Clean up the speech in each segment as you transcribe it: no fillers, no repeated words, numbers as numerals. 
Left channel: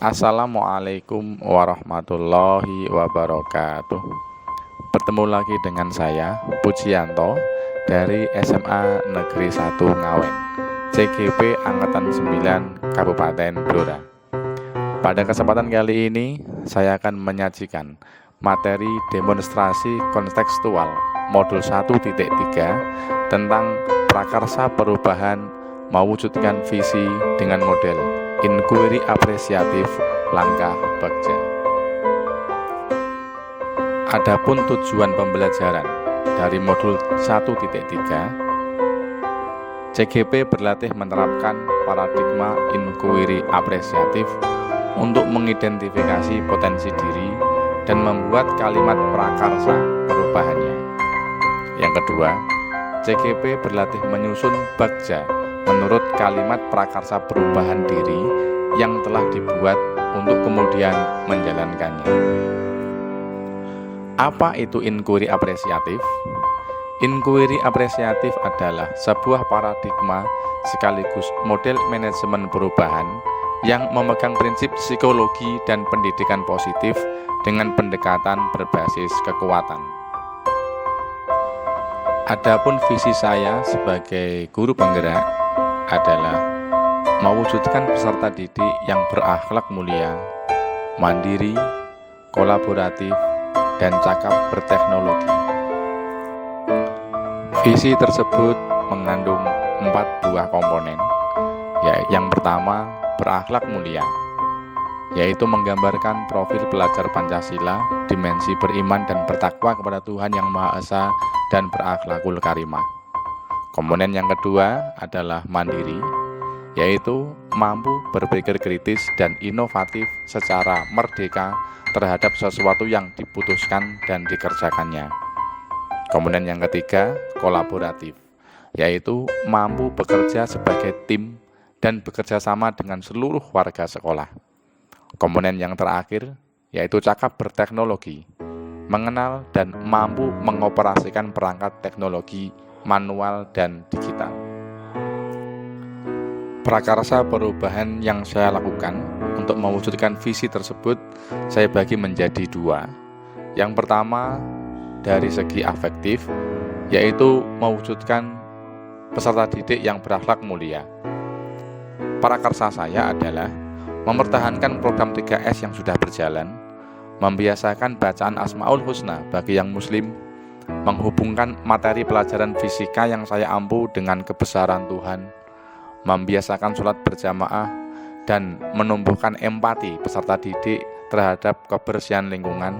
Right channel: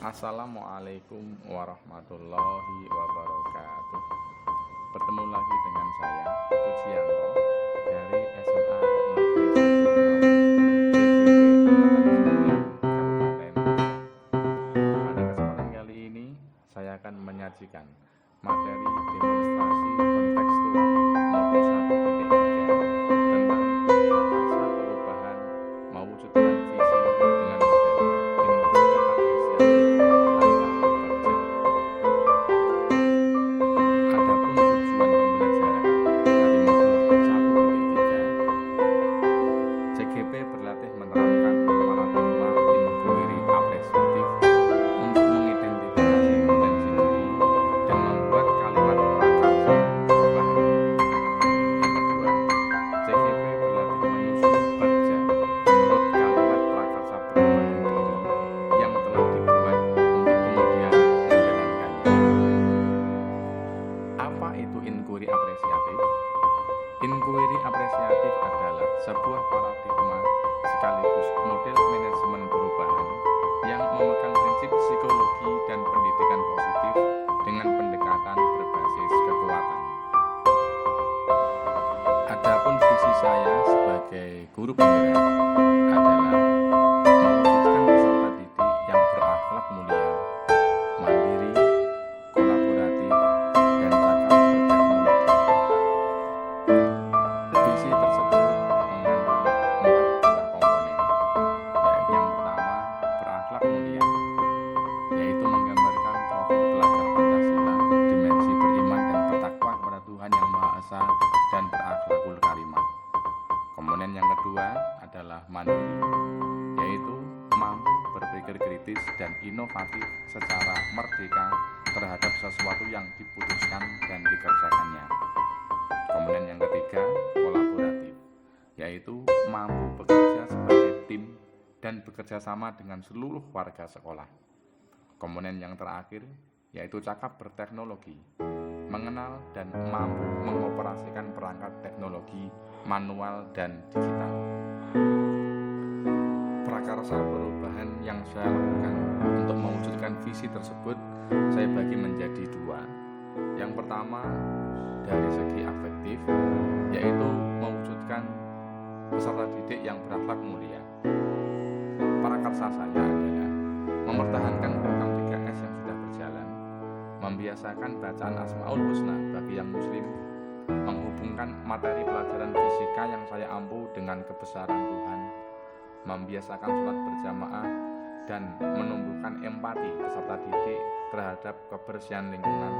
Assalamualaikum warahmatullahi wabarakatuh. Bertemu lagi dengan saya, Pujianto, dari SMA Negeri 1 Ngawen, CGP Angkatan 9, Kabupaten Blora. Pada kesempatan kali ini, saya akan menyajikan materi demonstrasi kontekstual modul 1.3 tentang prakarsa perubahan mewujudkan visi dengan model inquiry apresiatif langkah bagja. Adapun tujuan pembelajaran dari modul 1.3, CGP berlatih menerapkan paradigma inquiry apresiatif untuk mengidentifikasi potensi diri dan membuat kalimat prakarsa perubahannya. Yang kedua, CGP berlatih menyusun bagja menurut kalimat prakarsa perubahan diri yang telah dibuat untuk kemudian menjalankannya. Apa itu inquiry apresiatif? Inquiry apresiatif adalah sebuah paradigma sekaligus model manajemen perubahan yang memegang prinsip psikologi dan pendidikan positif dengan pendekatan berbasis kekuatan. Adapun visi saya sebagai guru penggerak adalah mewujudkan peserta didik yang berakhlak mulia, mandiri, kolaboratif, dan cakap berteknologi. Visi tersebut mengandung 4 buah komponen, yaitu yang pertama, berakhlak mulia, yaitu menggambarkan profil pelajar Pancasila, dimensi beriman dan bertakwa kepada Tuhan Yang Maha Esa dan berakhlakul karimah. Komponen yang kedua adalah mandiri, yaitu mampu berpikir kritis dan inovatif secara merdeka terhadap sesuatu yang diputuskan dan dikerjakannya. Komponen yang ketiga, kolaboratif, yaitu mampu bekerja sebagai tim dan bekerja sama dengan seluruh warga sekolah. Komponen yang terakhir, yaitu cakap berteknologi, mengenal dan mampu mengoperasikan perangkat teknologi manual dan digital. Prakarsa perubahan yang saya lakukan untuk mewujudkan visi tersebut saya bagi menjadi 2. Yang pertama, dari segi afektif, yaitu mewujudkan peserta didik yang berakhlak mulia. Prakarsa saya adalah mempertahankan program 3S yang sudah berjalan, membiasakan bacaan Asmaul Husna bagi yang muslim, menghubungkan materi pelajaran fisika yang saya ampu dengan kebesaran Tuhan, membiasakan sholat berjamaah, dan menumbuhkan empati peserta didik terhadap kebersihan lingkungan,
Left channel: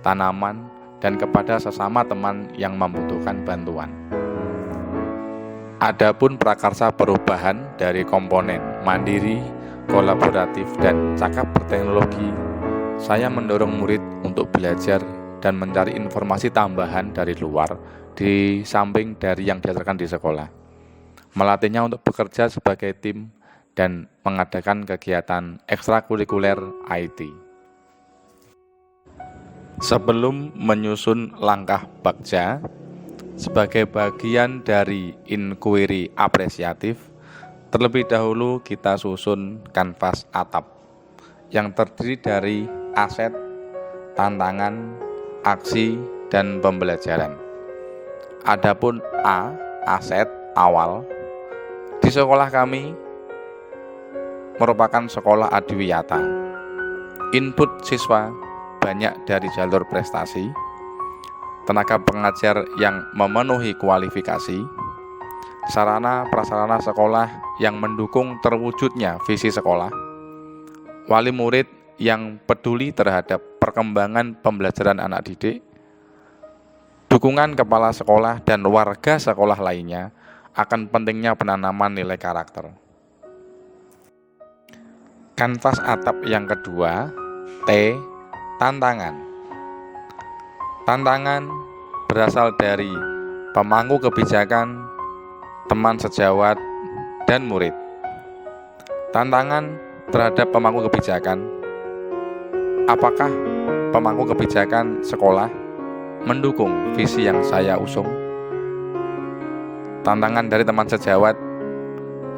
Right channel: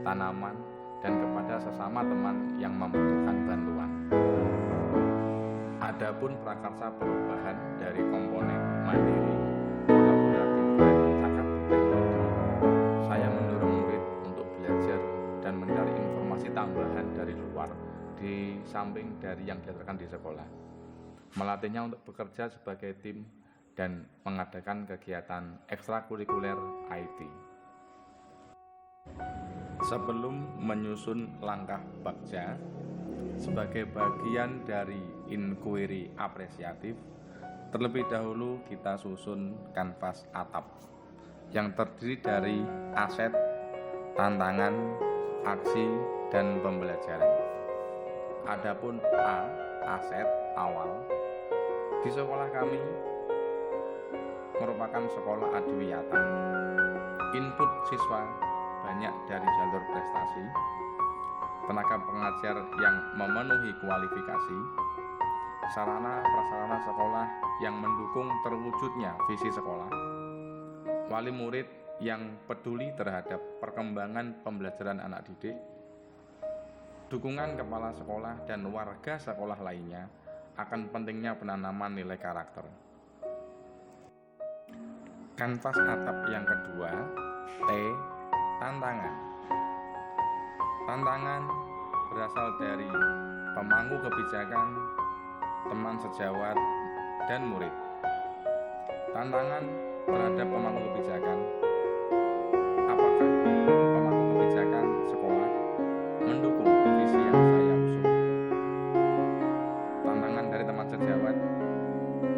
tanaman, dan kepada sesama teman yang membutuhkan bantuan. Adapun prakarsa perubahan dari komponen mandiri, kolaboratif, dan cakap berteknologi, saya mendorong murid untuk belajar dan mencari informasi tambahan dari luar di samping dari yang diajarkan di sekolah. Melatihnya untuk bekerja sebagai tim dan mengadakan kegiatan ekstrakurikuler IT. Sebelum menyusun langkah bagja sebagai bagian dari inquiry apresiatif, terlebih dahulu kita susun kanvas atap yang terdiri dari aset, tantangan, aksi, dan pembelajaran. Adapun A, aset awal, di sekolah kami merupakan sekolah adiwiyata. Input siswa banyak dari jalur prestasi, tenaga pengajar yang memenuhi kualifikasi, sarana prasarana sekolah yang mendukung terwujudnya visi sekolah, wali murid yang peduli terhadap perkembangan pembelajaran anak didik, dukungan kepala sekolah dan warga sekolah lainnya akan pentingnya penanaman nilai karakter. Kanvas atap yang kedua, T, tantangan. Tantangan berasal dari pemangku kebijakan, teman sejawat, dan murid. Tantangan terhadap pemangku kebijakan, apakah pemangku kebijakan sekolah mendukung visi yang saya usung? Tantangan dari teman sejawat,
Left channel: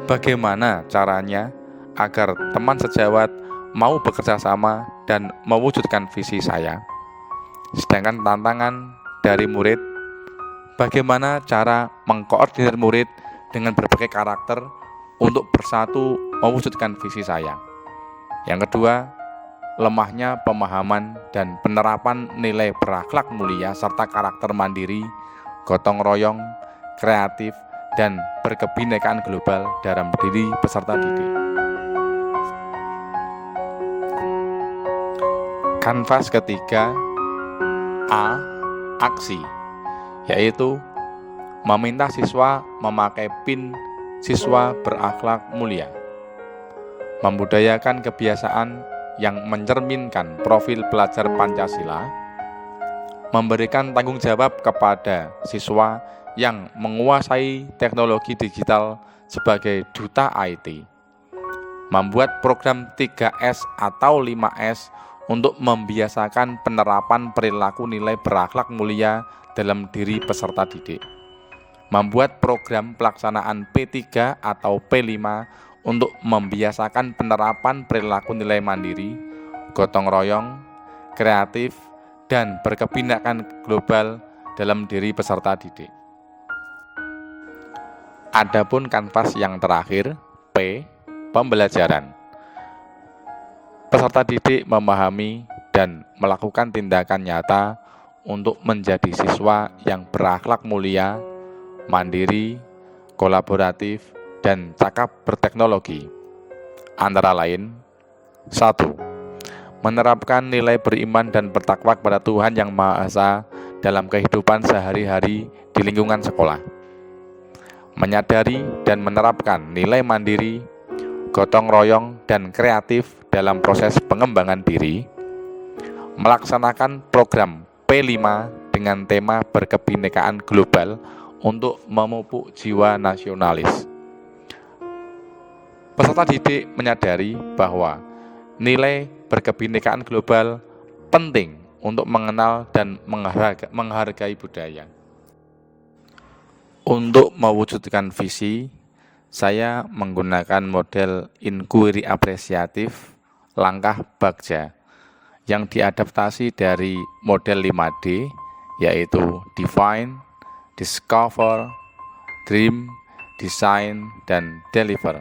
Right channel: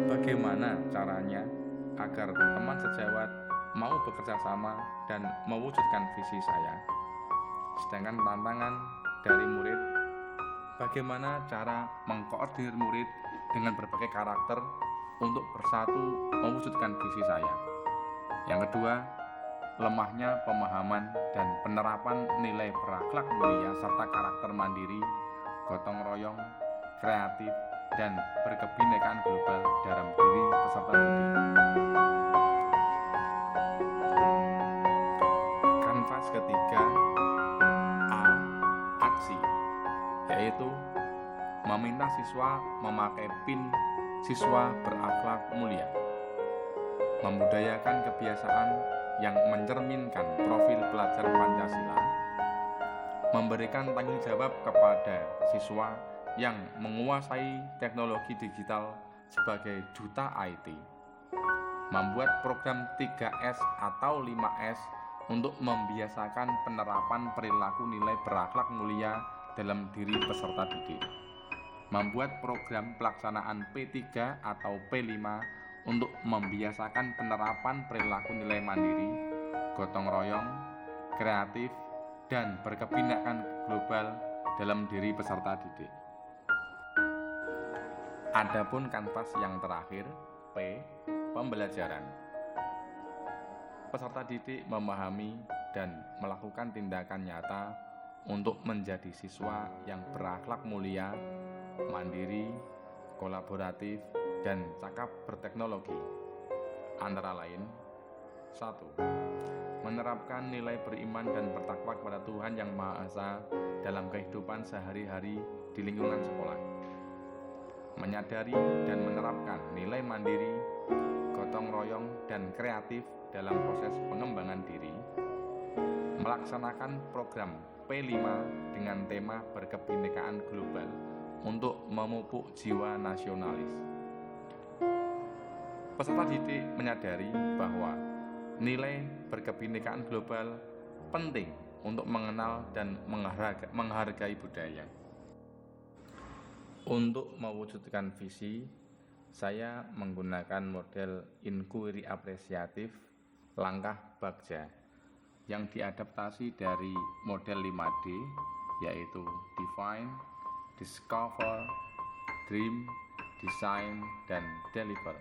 bagaimana caranya agar teman sejawat mau bekerja sama dan mewujudkan visi saya. Sedangkan tantangan dari murid, bagaimana cara mengkoordinir murid dengan berbagai karakter untuk bersatu mewujudkan visi saya. Yang kedua, lemahnya pemahaman dan penerapan nilai berakhlak mulia serta karakter mandiri, gotong royong, kreatif, dan berkebinekaan global dalam diri peserta didik. Kanvas ketiga, A. Aksi, yaitu meminta siswa memakai pin siswa berakhlak mulia, membudayakan kebiasaan yang mencerminkan profil pelajar Pancasila, memberikan tanggung jawab kepada siswa yang menguasai teknologi digital sebagai duta IT, membuat program 3S atau 5S untuk membiasakan penerapan perilaku nilai berakhlak mulia dalam diri peserta didik, membuat program pelaksanaan P3 atau P5 untuk membiasakan penerapan perilaku nilai mandiri, gotong royong, kreatif, dan berkebinekaan global dalam diri peserta didik. Adapun kanvas yang terakhir, P. Pembelajaran. Peserta didik memahami dan melakukan tindakan nyata untuk menjadi siswa yang berakhlak mulia, mandiri, kolaboratif, dan cakap berteknologi. Antara lain, 1. Menerapkan nilai beriman dan bertakwa kepada Tuhan Yang Maha Esa dalam kehidupan sehari-hari di lingkungan sekolah. Menyadari dan menerapkan nilai mandiri, gotong royong, dan kreatif dalam proses pengembangan diri. Melaksanakan program P5 dengan tema berkebinekaan global untuk memupuk jiwa nasionalis. Peserta didik menyadari bahwa nilai berkebinekaan global penting untuk mengenal dan menghargai budaya. Untuk mewujudkan visi, saya menggunakan model inquiry apresiatif langkah Bagja yang diadaptasi dari model 5D, yaitu define, discover, dream, design, dan deliver.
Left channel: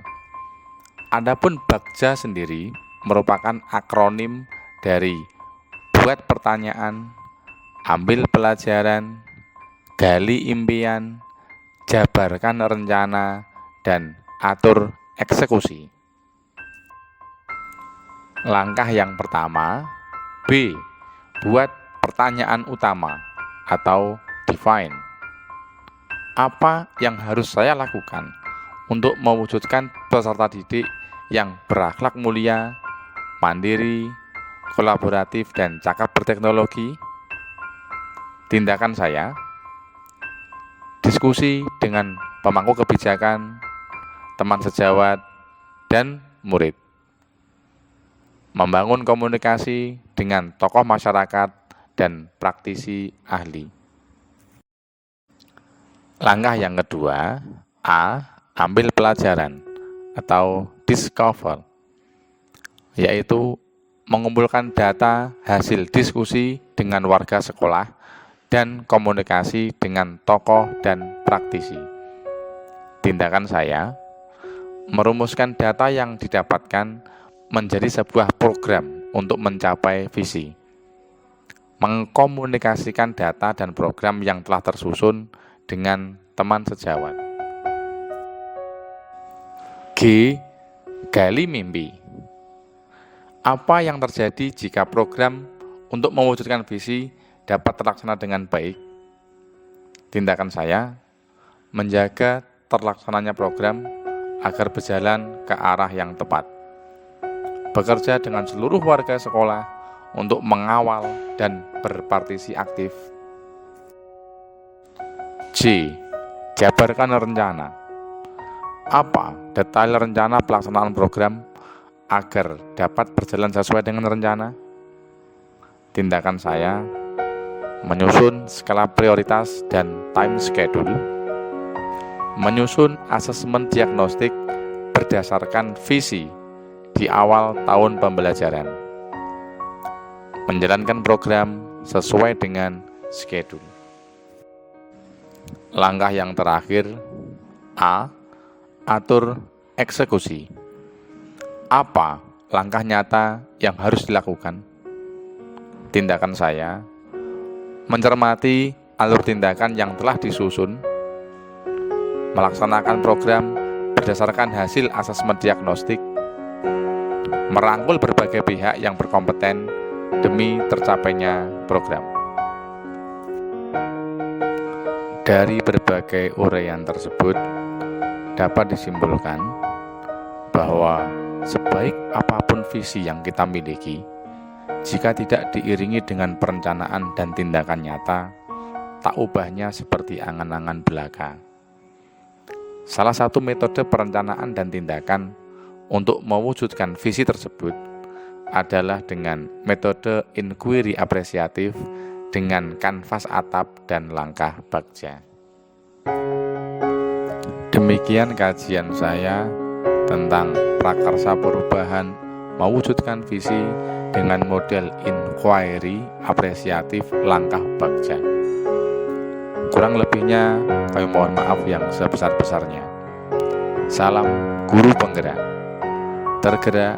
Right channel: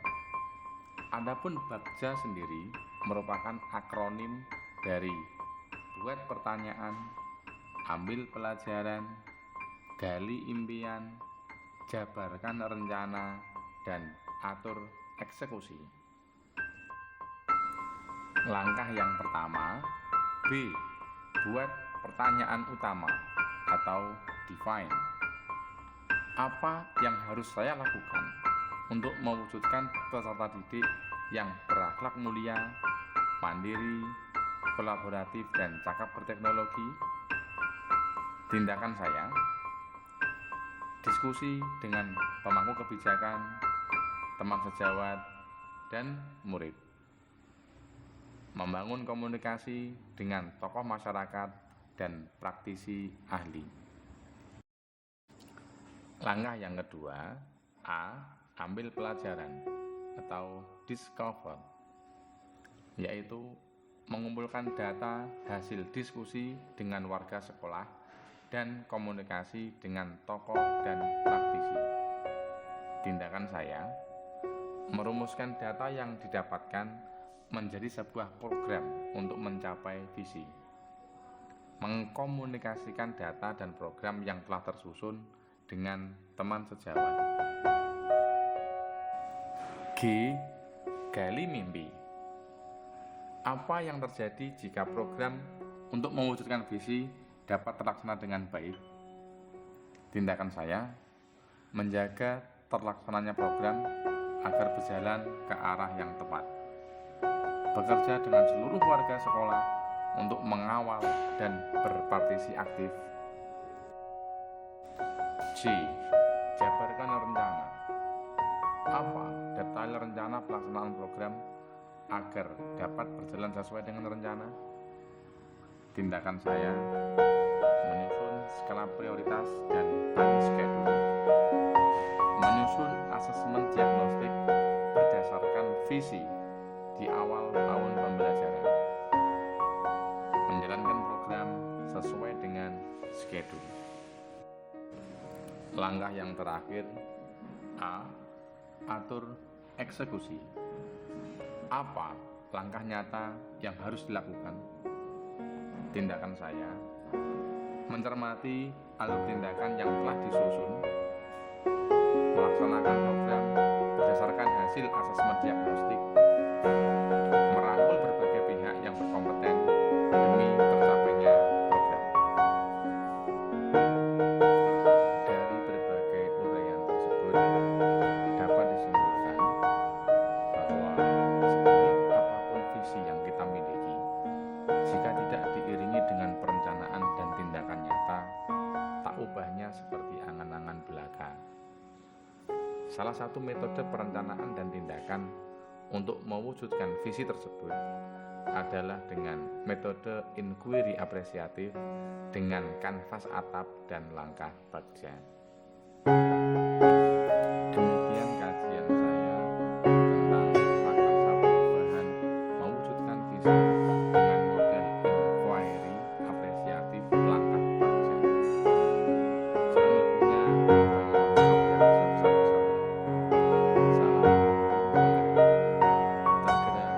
Adapun Bagja sendiri merupakan akronim dari buat pertanyaan, ambil pelajaran, gali impian, jabarkan rencana, dan atur eksekusi. Langkah yang pertama, B. Buat pertanyaan utama atau define. Apa yang harus saya lakukan untuk mewujudkan peserta didik yang berakhlak mulia, mandiri, kolaboratif, dan cakap berteknologi? Tindakan saya, diskusi dengan pemangku kebijakan, teman sejawat, dan murid. Membangun komunikasi dengan tokoh masyarakat dan praktisi ahli. Langkah yang kedua, A. Ambil pelajaran atau discover, yaitu mengumpulkan data hasil diskusi dengan warga sekolah dan komunikasi dengan tokoh dan praktisi. Tindakan saya, merumuskan data yang didapatkan menjadi sebuah program untuk mencapai visi. Mengkomunikasikan data dan program yang telah tersusun dengan teman sejawat. G. Gali mimpi. Apa yang terjadi jika program untuk mewujudkan visi dapat terlaksana dengan baik? Tindakan saya, menjaga terlaksananya program agar berjalan ke arah yang tepat. Bekerja dengan seluruh warga sekolah untuk mengawal dan berpartisipasi aktif. J. Jabarkan rencana. Apa detail rencana pelaksanaan program agar dapat berjalan sesuai dengan rencana? Tindakan saya, menyusun skala prioritas dan time schedule, menyusun asesmen diagnostik berdasarkan visi di awal tahun pembelajaran. Menjalankan program sesuai dengan schedule. Langkah yang terakhir, A. Atur eksekusi. Apa langkah nyata yang harus dilakukan? Tindakan saya, mencermati alur tindakan yang telah disusun, melaksanakan program berdasarkan hasil asesmen diagnostik, merangkul berbagai pihak yang berkompeten demi tercapainya program. Dari berbagai uraian tersebut, dapat disimpulkan bahwa sebaik apapun visi yang kita miliki, jika tidak diiringi dengan perencanaan dan tindakan nyata, tak ubahnya seperti angan-angan belaka. Salah satu metode perencanaan dan tindakan untuk mewujudkan visi tersebut adalah dengan metode inquiry apresiatif dengan kanvas atap dan langkah bagja. Demikian kajian saya tentang prakarsa perubahan mewujudkan visi dengan model inquiry apresiatif langkah bagja. Kurang lebihnya kami mohon maaf yang sebesar-besarnya. Salam guru penggerak, tergerak,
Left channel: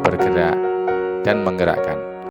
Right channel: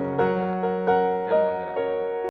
bergerak, dan menggerakkan.